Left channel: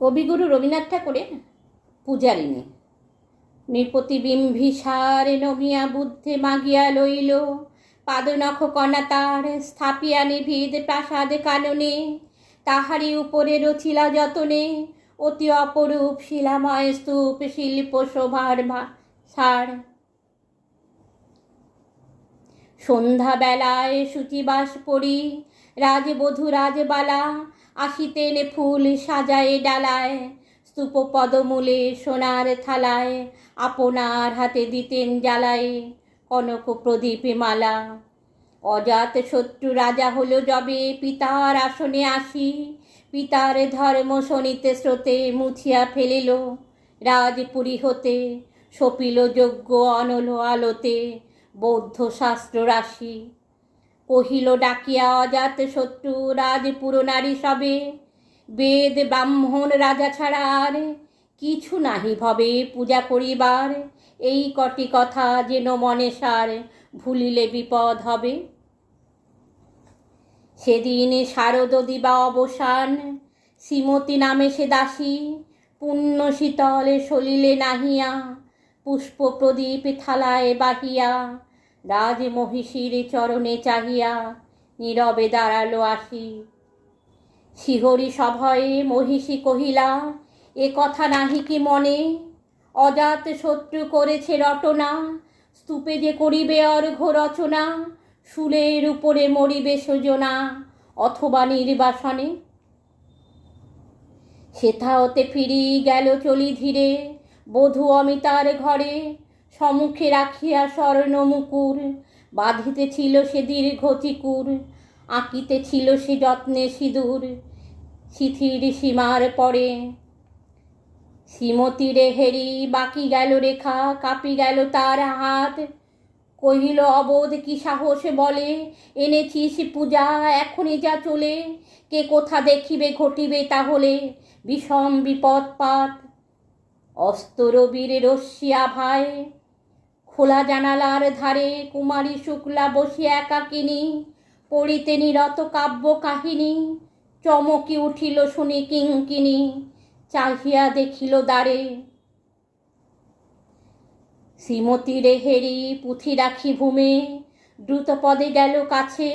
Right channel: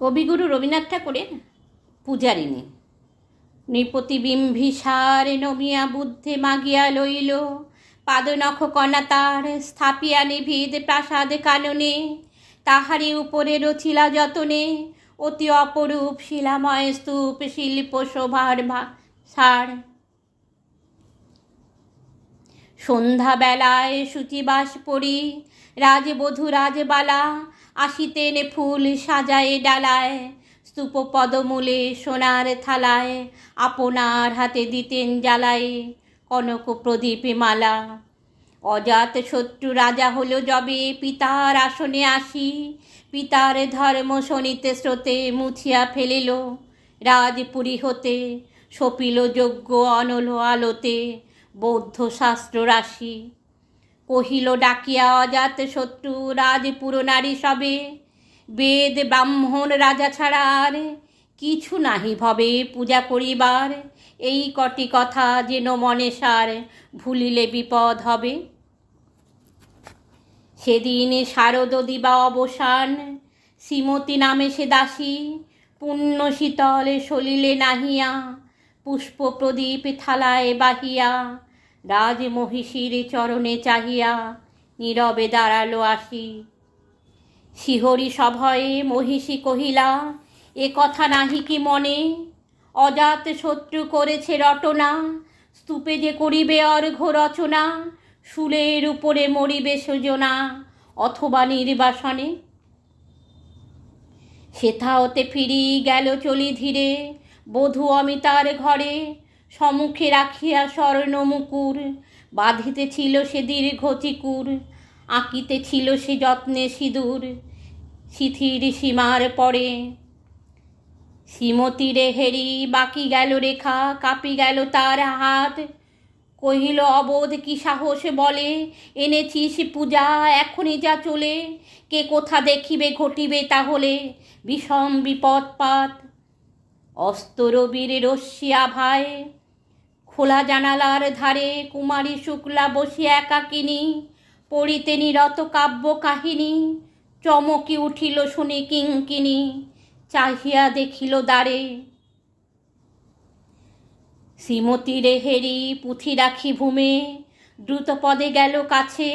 কবিগুরু রবীন্দ্রনাথ ঠাকুরের পূজারিণী। নৃপতিবিম্বিসার নমিয়া বুদ্ধে মাগিয়া লইল, পাদনখ কণা তার স্থাপিয়া নিভিদ প্রাসাদ কাননে। তাহারি উপরে রচিলা যতনে, অতি অপরূপ শিলাময় স্তূপ শিল্প শোভার সার। সন্ধ্যাবেলায় সূচিবাস পড়ি, রাজবধূ রাজবালা আসিতেন ফুল সাজায়ে ডালায় স্তূপ পদমূলে সোনার থালায় আপনার হাতে দিতেন জ্বালায় কনক প্রদীপে মালা। অজাত শত্রু রাজা হলো যবে পিতার আসনে আসি, পিতার ধর্ম শনিতে স্রোতে মুছিয়া ফেলিল, রাজপুরী হতে সপিল যজ্ঞ অনল আলোতে বৌদ্ধ শাস্ত্র রাশি। কহিল, ডাকিয়া অজাত শত্রু, রাজপুর নারী সবে। বেদ, ব্রাহ্মণ, রাজা ছাড়া আর কিছু নাহি ভবে পূজা করিবার। এই কটি কথা যেন মনে সার, ভুলিলে বিপদ হবে। সেদিন শারদ দিবা অবসান, শ্রীমতী নামে সে দাসী। পুণ্য শীতলে সলিলে নাহিয়া, পুষ্প প্রদীপ থালায় বাহিয়া। রাজ মহিষীর চরণে চাহিয়া নীরবে দাঁড়াল আসি। শিহরি সভয়ে মহিষী কহিলা, এ কথা নাহি কি মনে? অজাত শত্রু করেছে রটনা, স্তূপে যে করিবে অর্ঘ রচনা, শুলের উপরে মরিবে সুজনা, অথবা নির্বাসনে? সেথা হতে ফিরি গেল চলি ধীরে, বধূ অমিতার ঘরে সম্মুখে রাখিয়া স্বর্ণ মুকুর বাঁধিতে ছিল সে দীর্ঘ চিকুর আঁকিতে ছিল সে যত্নে সিঁদুর শিথির সীমার পরে। শ্রীমতীরে হেরি, বাকি গেল রেখা, কাঁপি গেল তার হাত। কহিল, অবোধ কি সাহস বলে? এনেছিস পূজা, এখনই যা চলে। কে কোথা দেখিবে, ঘটিবে তাহলে? বিষম বিপদপাত। অস্ত রবির রশ্মি আভায়। খোলা জানালার ধারে কুমারী শুক্লা বসিয়া একাকিনী, পড়িতে নিরত কাব্য কাহিনী চমকি উঠিল শুনি কিঙ্কিনী, চাহিয়া দেখিল দ্বারে। শ্রীমতী রেহেরি পুঁথি রাখি ভূমে দ্রুত পদে গেল কাছে,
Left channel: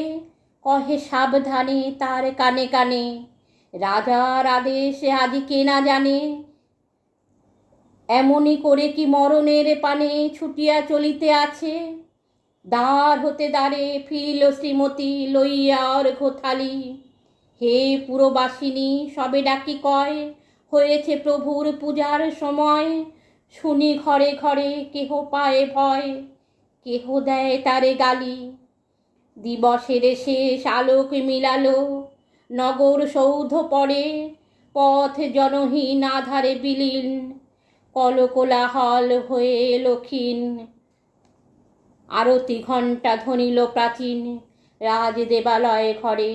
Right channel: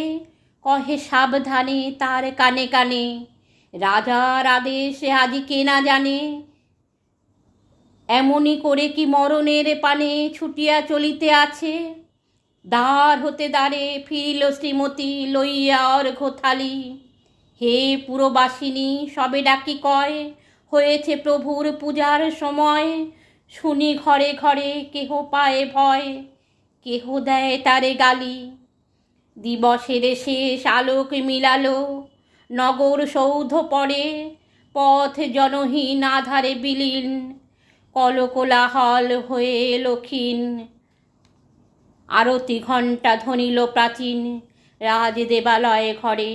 কহে সাবধানে তার কানে কানে, রাজার আদেশে আদি কে না জানে এমনই করে কি মরণের পানে ছুটিয়া চলিতে আছে? দ্বার হতে দ্বারে ফিরিল শ্রীমতী লইয়া অর্ঘ থালি হে পুরবাসিনী, সবে ডাকি কয়, হয়েছে প্রভুর পূজার সময়। শুনি ঘরে ঘরে কেহ পায় ভয়, কেহ দেয় তারে গালি। দিবসের শেষ আলোক মিলালো, নগর সৌধ পড়ে, পথ জনহীন আধারে বিলীন। কলকোলাহল হয়ে লক্ষীন আরতি ঘণ্টা ধ্বনিল প্রাচীন রাজ দেবালয়ে ঘরে।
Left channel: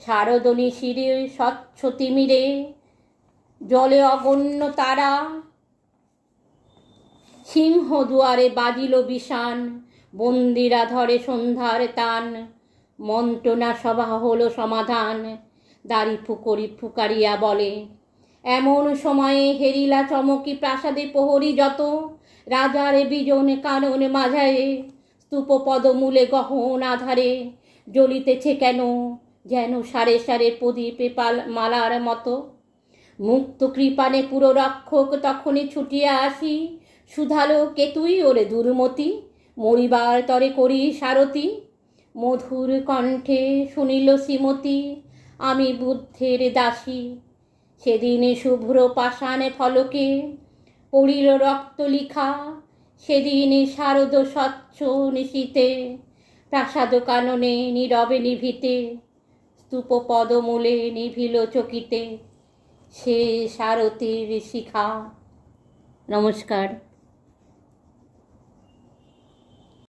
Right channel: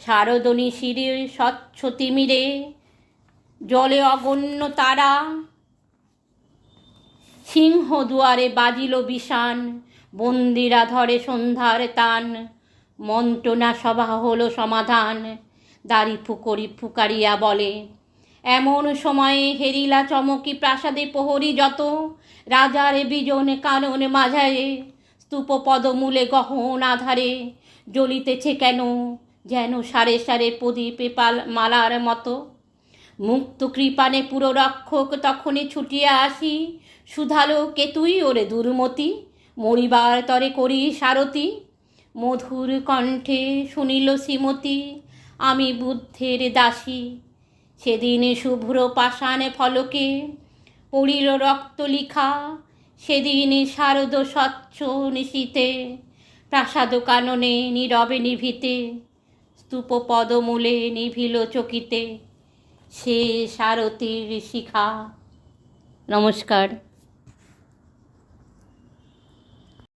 শারদনী শিরে স্বচ্ছ তিমিরে, জলে অগণ্য তারা। সিংহ দুয়ারে বাজিল বিষান, বন্দিরা ধরে সন্ধ্যার তান। মন্ত্রণা সভা হলো সমাধান, দাড়ি ফুকরি ফুকারিয়া বলে। এমন সময়ে হেরিলা চমকি প্রাসাদে প্রহরী যত। রাজার বিজন কানন মাঝারে স্তূপ পদমূলে গহন আধারে। জ্বলিতেছে কেন, যেন সারে সারে প্রদীপে পাল মালার মতো। মুক্ত কৃপানে পুরো রক্ষক তখনই ছুটিয়া আসি। সুধালো কেতুই ওরে দুর্মতি? মরিবার তরে করি সারতি মধুর কণ্ঠে শুনিল শ্রীমতী, আমি বুদ্ধের দাসী। সেদিন শুভ্র পাষাণে ফলকে, পড়িল রক্ত লিখা। সেদিনে শারদ স্বচ্ছ নিশীতে প্রাসাদ কাননে নীরবে নিভিতে স্তূপ পদমূলে নিভিল চকিতে। সে সারথীর শিখা। নমস্কার।